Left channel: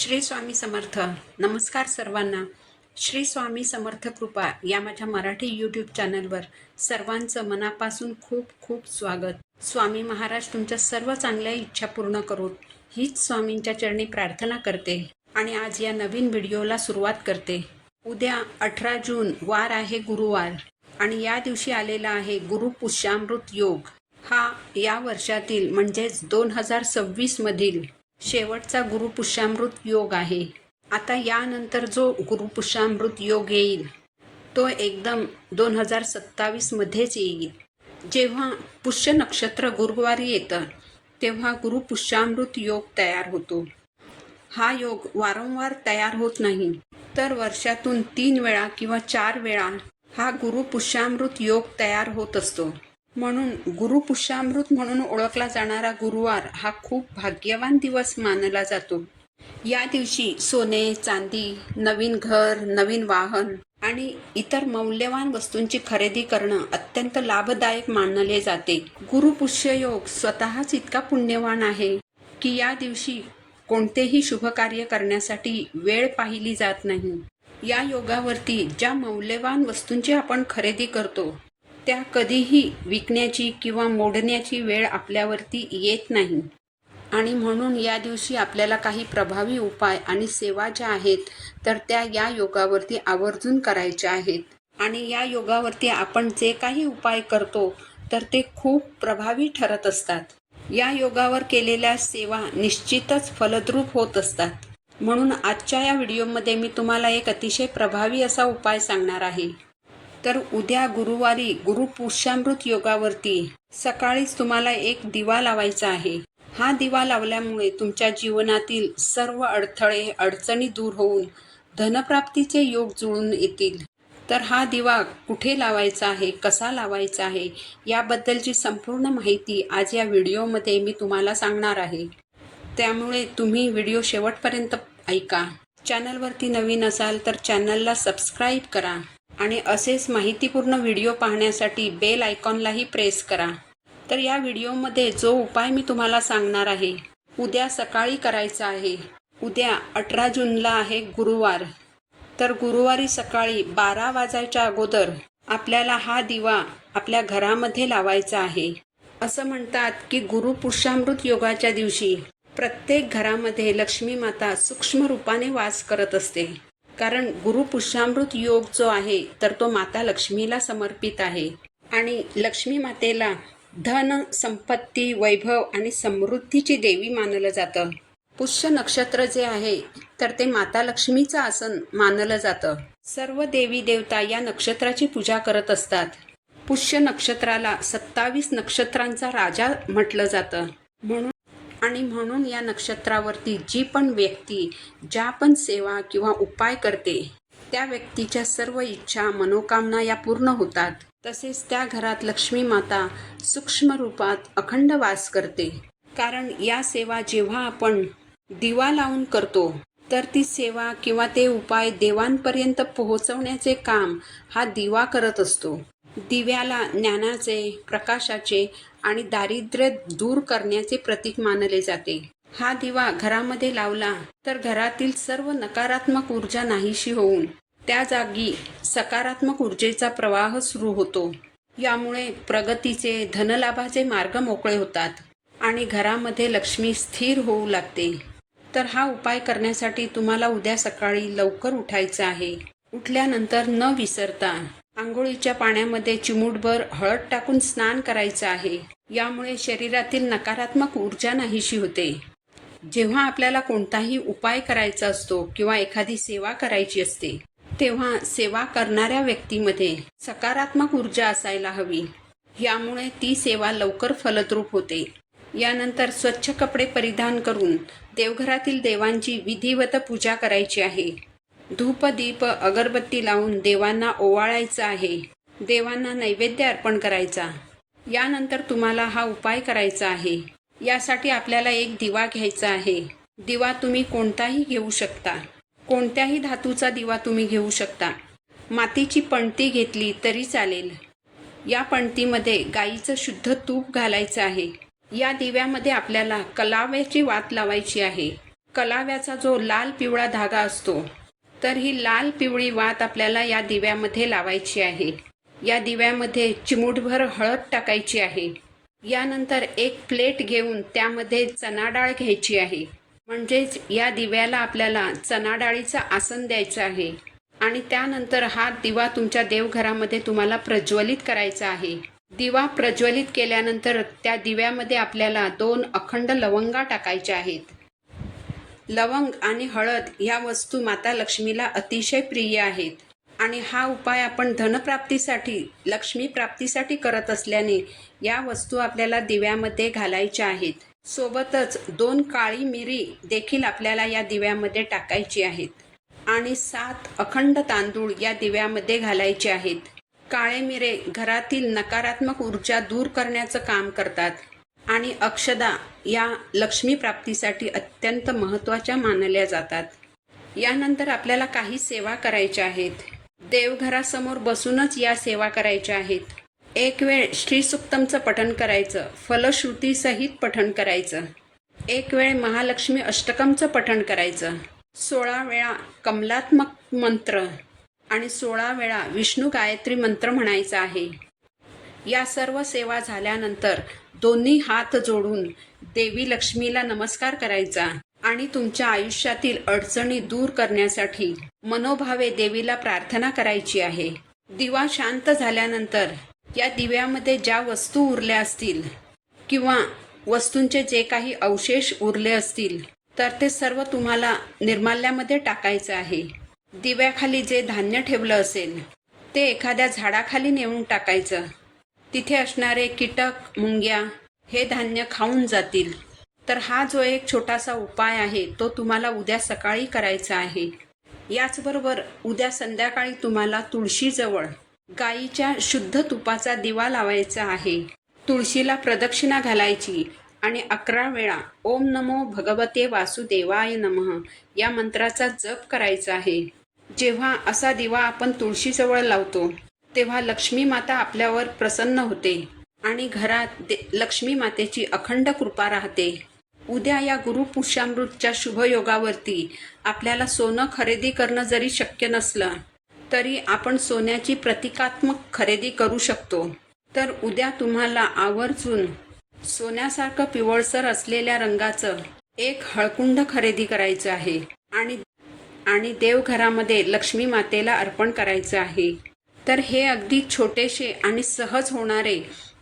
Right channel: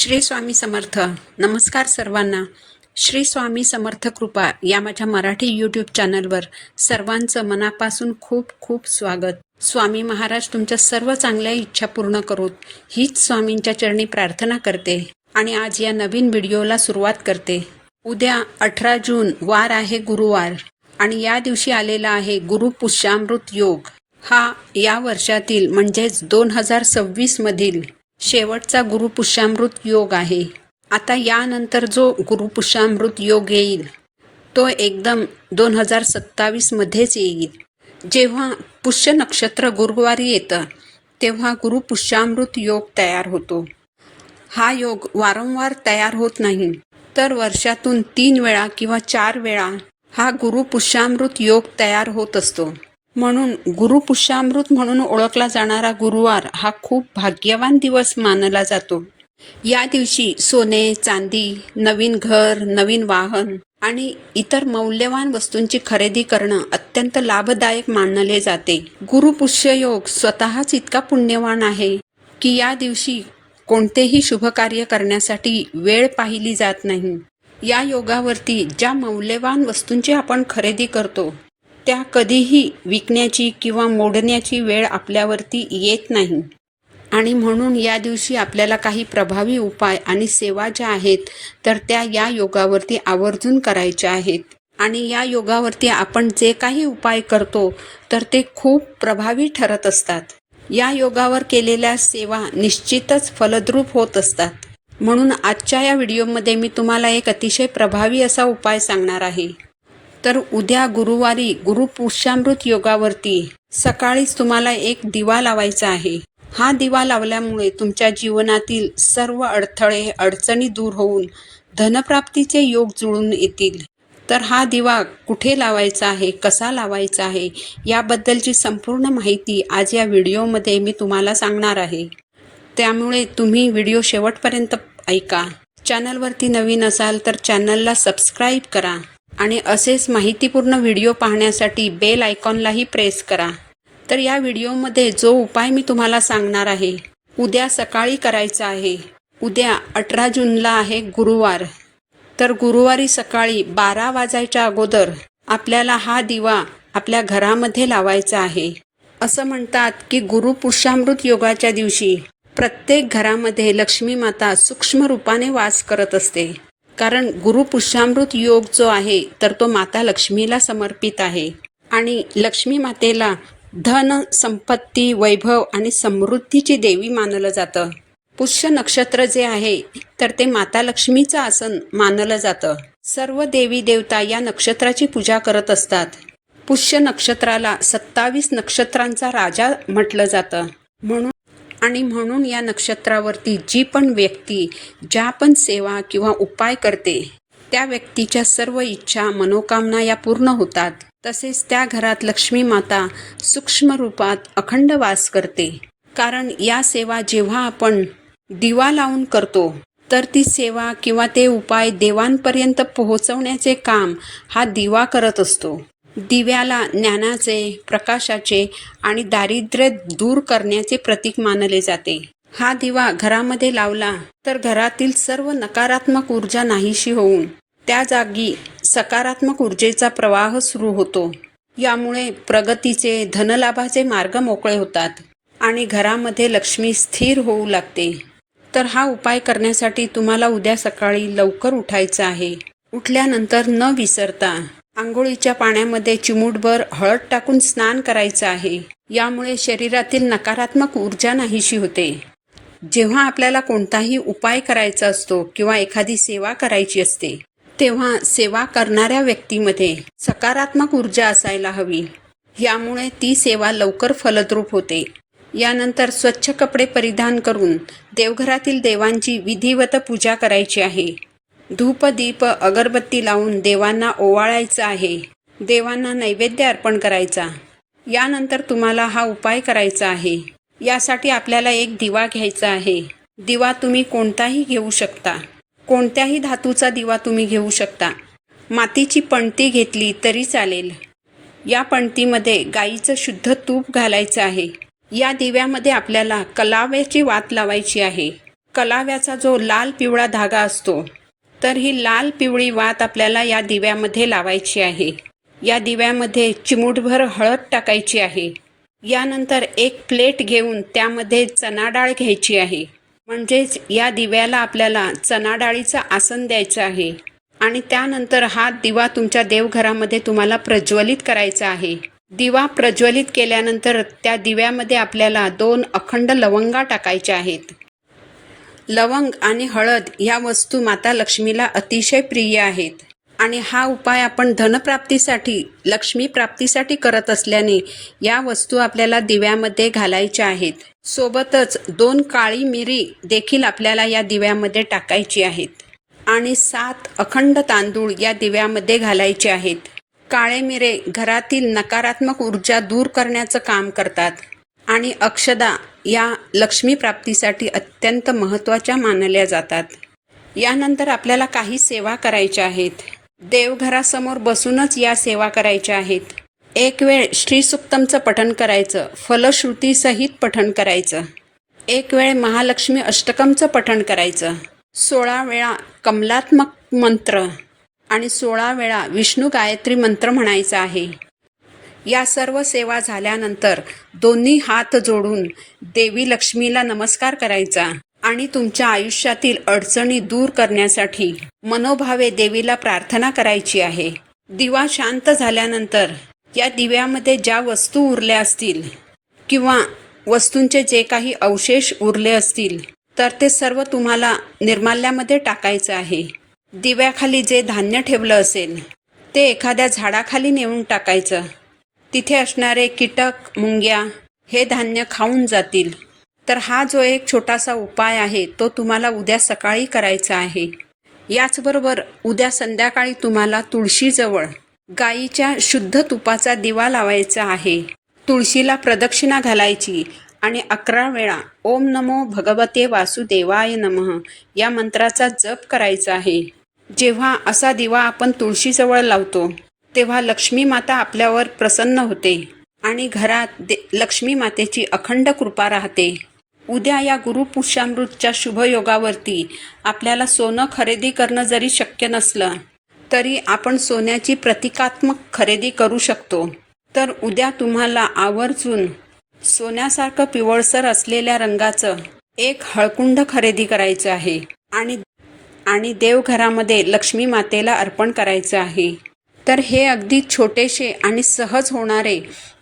श्री स्वामी समर्थ. नमस्कार सर्वांना. श्री स्वामी समर्थ कृपा या माझ्या मराठी यूट्यूब चॅनलवर सर्वांचं मनापासून खूप खूप स्वागत. स्वामी महाराज तुमच्या सर्व चांगल्या इच्छा पूर्ण करोत हीच स्वामींच्या चरणी प्रार्थना करते आणि आज या नवीन व्हिडिओला सुरुवात करते. उद्या 18 जून वार आहे गुरुवार आणि या दिवशी आलेला आहे गुरु पुष्यामृत योग. हा या वर्षातील म्हणजेच 2026 मधील शेवटचा गुरुपुष्यामृत योग आहे. आता यानंतर जो गुरुपुष्यामृत योग येईल तो एकदम 2027 मध्येच येईल. जेव्हा पुष्य नक्षत्र गुरुवारी येतं तेव्हा गुरुपुष्यामृत योग तयार होतो. हा योग वारंवार तयार होत नाही, तर वर्षातून 3 वेळा किंवा 4 वेळा हा गुरुपुष्यामृत योग तयार होत असतो. म्हणून गुरुपुष्यामृत म्हणून ओळखला जाणारा गुरुवार हा खूप भाग्यवान दिवस मानला जातो. या दिवशी सोने, चांदी, नवीन घर, नवीन वाहन आणि इतर मौल्यवान वस्तूंची खरेदी करणं अत्यंत लाभदायक मानले जाते. गुरुपुष्य योग स्वतःच इतका पुण्यवान आहे की या दिवशी कोणतेही शुभ कार्य करण्यासाठी वेळ पाहिली जात नाही. या योगावरती ज्या मौल्यवान वस्तूंची आपण खरेदी करतो त्या कधीही विकण्याची किंवा मोडण्याची वेळ आपल्यावरती येत नाही. आणि म्हणून या दिवशी आपल्याला काही प्रभावी उपाय आणि सेवा ज्या आहेत तर त्या या योगावरती आवर्जून करायच्या आहेत. आणि या योगावरती आपण जे काही उपाय करतो तर ते खूप प्रभावी ठरत असतात. या योगावर केलेल्या सेवा निश्चितच फलद्रूप होत असतात. म्हणून आजच्या या व्हिडिओमध्ये मी तुम्हाला एक अतिशय प्रभावी असा उपाय सांगणार आहे. तर उद्या गुरुवारी गुरुपुष्यामृत योगावरती सकाळीच तुम्हाला एक दिवा लावायचा आहे. हा दिवा लावल्यामुळे तुमच्या जीवनातील सर्व अडथळे अडचणी दूर होऊन धनप्राप्तीचे योग जुळून येतील. तर हा दिवा कुठे लावायचा आहे, कसा लावायचा आहे याबद्दलची संपूर्ण माहिती आज या व्हिडिओमध्ये मी तुम्हाला सांगणार आहे. त्यामुळे तुम्ही व्हिडिओ शेवटपर्यंत ऐका. चॅनलवरती नवीन असाल तर चॅनलला सबस्क्राईब करा आणि असेच माहितीपूर्ण व्हिडिओ पाहण्यासाठी बेल आयकॉनलाही प्रेस करा. तर या व्हिडिओमध्ये जो उपाय मी तुम्हाला सांगणार आहे उद्या सकाळी करायचा आहे. उद्या 18 जूनला आहे गुरुवार. तर गुरुवारी सकाळी 12 वाजायच्या अगोदर आपल्याला हा दिवा आपल्या घरामध्ये लावायचा आहे. असं म्हणतात की गुरुपुष्यामृत योगाच्या दिवशी प्रत्येक घरामध्ये लक्ष्मी माता सूक्ष्म रूपाने वास करत असते. कारण गुरुपुष्यामृत योग जो आहे तर तो माता लक्ष्मीला समर्पित आहे आणि लक्ष्मी मातेला धन, संपत्ती, वैभव आणि समृद्धीची देवी मानलं जातं. पुष्य नक्षत्र जे आहे तर ते माता लक्ष्मीचं आसन मानलं जातं. सर्व देवी देवता या नक्षत्राची पूजा करत असतात. पुष्य नक्षत्राला 27 नक्षत्रांचा राजा म्हटलं जातं. म्हणून या नक्षत्रावरती जी पण व्यक्ती ज्या पण सेवा किंवा उपाय करते त्या व्यक्तीच्या सर्व इच्छा मनोकामना या पूर्ण होतात. तसेच त्या घरात लक्ष्मी माता सूक्ष्म रूपात अखंड वास करते. कारण या सेवा जेव्हा आपण दिवा लावून करतो तर ती सेवा किंवा ते उपाय देवांपर्यंत पोहोचवण्याचे काम हा दिवा करत असतो. दिव्याला ज्ञानाचे, प्रकाशाचे आणि दारिद्र्य दूर करण्याचे प्रतीक मानले जाते. हा दिवा घरामध्ये लावला तर घरातील सर्व नकारात्मक ऊर्जा नाहीशी होऊन त्या जागी सकारात्मक ऊर्जेचा प्रवाह सुरू होतो. यामुळे प्रगतीचे, धनलाभाचे मार्ग मोकळे होतात आणि घरामध्ये लक्ष्मी स्थिर होऊ लागते. तर हा उपाय करण्यासाठी तुम्हाला उद्या सकाळी लवकर उठायचं आहे. उठल्यानंतर न विसरता आंघोळीच्या पाण्यामध्ये चिमूटभर हळद टाकून स्नान करायचं आहे. यामुळे शरीरातील नकारात्मक ऊर्जा नाहीशी होते. जेव्हा आपल्याला कोणताही उपाय करायचा असतो किंवा एखादी सेवा करायची असते तेव्हा सेवा करणाऱ्या व्यक्तीमध्ये सकारात्मक ऊर्जा असायला हवी. यामुळे ती सेवा लवकर फलद्रूप होते. यानंतर स्वच्छ कपडे परिधान करून देवघरातील देवांची विधिवत पूजा करायची आहे. धूप, दीप, अगरबत्ती लावून देवांना ओवाळायचं आहे. देवांना नैवेद्य अर्पण करायचा. यानंतर तुम्हाला हा उपाय करायचा आहे. यासाठी आपल्याला एक दिवा घ्यायचा आहे. दिवा तुम्ही कोणताही घेऊ शकता. कोणत्याही धातूचा दिवा तुम्ही घेऊ शकता. मातीची पणती घेतली तरी चालेल. या पणतीमध्ये गाईचं शुद्ध तूप घालायचं आहे. या दिव्यामध्ये आपल्याला कलाव्याची वात लावायची आहे. कलाव्याचा जो लाल पिवळा धागा असतो, तर ही लाल पिवळी वात आपल्याला या दिव्यामध्ये लावायची आहे. या दिव्यामध्ये चिमूटभर हळद टाकायची आहे. यानंतर एक प्लेट घेऊन त्यामध्ये चणा डाळ घ्यायची आहे. म्हणजेच या दिव्याला आपल्याला चणा डाळीचं आसन द्यायचं आहे. आणि त्यानंतर हा दिवा तुमच्या देवघरामध्ये तुम्हाला प्रज्वलित करायचा आहे. दिवा प्रज्वलित केल्यानंतर त्या दिव्यामध्ये आपल्याला 2 अखंड लवंगा टाकायच्या आहेत. लवंग आणि हळद ह्या वस्तू माता लक्ष्मीला अतिशय प्रिय आहेत. आणि हा उपाय आपण धनप्राप्तीसाठी, लक्ष्मी प्राप्तीसाठी करत असल्याने या वस्तू आपल्याला दिव्यामध्ये घालायच्या आहेत. सोबतच 2 काळी मिरी देखील आपल्याला या दिव्यामध्ये टाकायची आहेत. आणि 7 अखंड तांदूळ या दिव्यामध्ये घालायचे आहेत. काळे मिरे घरातील नकारात्मक ऊर्जा दूर करण्याचं काम करतात. आणि अक्षदा या लक्ष्मी प्राप्तीसाठी अत्यंत महत्त्वाच्या मानल्या जातात. यानंतर आपल्याला काही सेवा करायच्या आहेत. देवघरासमोर बसूनच या सेवा करायच्या आहेत. एक वेळ श्रीसुक्तमचं पठण करायचं, फलश्रुतीसहित पठण करायचं. एक वेळ महालक्ष्मी अष्टकमचं पठण करायचं. 16 वेळा कमलात्मक मंत्र आणि 16 वेळा विष्णू गायत्री मंत्र म्हणायचा आहे. या सर्व सेवा झाल्यानंतर दोन्ही हात जोडून देवी लक्ष्मीला नमस्कार करायचा आणि तुमच्या आयुष्यातील अडचणी दूर करण्यासाठी मनोभावे देवीला प्रार्थना करायची आहे. दिवा शांत झाल्यानंतर या दिव्यामध्ये ज्या वस्तू उरल्या असतील किंवा वस्तूंचे जे काही अवशेष उरले असतील तर ते सर्व तुम्हाला निर्माल्यामध्ये टाकायचं आहे. दिव्याखाली जे धान्य ठेवलं असेल ते एखाद्या झाडाखाली नेऊन टाकायचं. तिथे असणारे कीटक, मुंग्या हे धान्य खाऊन जातील. तर हा जो एक छोटासा उपाय आहे तो तुम्हाला उद्या सकाळी करायचा आहे. याचबरोबर उद्या संध्याकाळी तुम्हाला तुळशीजवळ गाईच्या शुद्ध तुपाचा दिवा लावायचा आहे. तुळशीला प्रदक्षिणा घालायची आणि 11 वेळा ओम नमो भगवते वासुदेवाय नमः या मंत्राचा जप करायचा आहे. जेव्हा असा दिवा आपण तुळशीजवळ लावतो तेव्हा लक्ष्मी माता आपल्यावर प्रसन्न होते आणि घरात लक्ष्मी मातेची अखंड कृपा राहते. उद्या या गुरुपुष्यामृतच्या शुभयोगावरती आपल्याला सोनं खरेदी करणं जरी शक्य नसलं तरी आपण सोन्याची प्रतिकात्मक खरेदी करू शकतो. तर उद्या तुम्हाला आवर्जून सोन्यासारखं पिवळसर असलेल्या रंगाचं एक हळकुंड खरेदी करायचं आहे आणि देवघरामध्ये लक्ष्मी मातेला अर्पण करायचं आहे. तर हे अगदी छोटेसे आणि सहज होणारे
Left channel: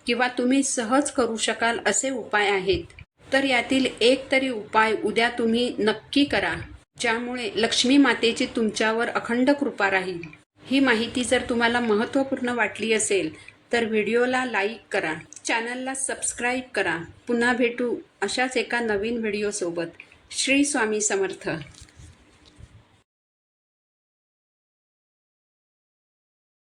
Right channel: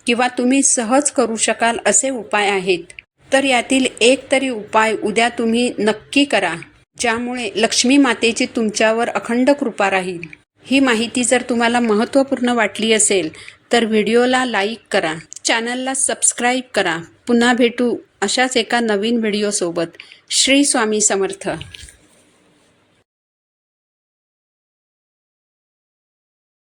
किंवा तुम्ही सहज करू शकाल असे उपाय आहेत. तर यातील एक तरी उपाय उद्या तुम्ही नक्की करा, ज्यामुळे लक्ष्मी मातेची तुमच्यावर अखंड कृपा राहील. ही माहिती जर तुम्हाला महत्त्वपूर्ण वाटली असेल तर व्हिडिओला लाईक करा, चॅनलला सबस्क्राईब करा. पुन्हा भेटू अशाच एका नवीन व्हिडिओसोबत. श्री स्वामी समर्थ.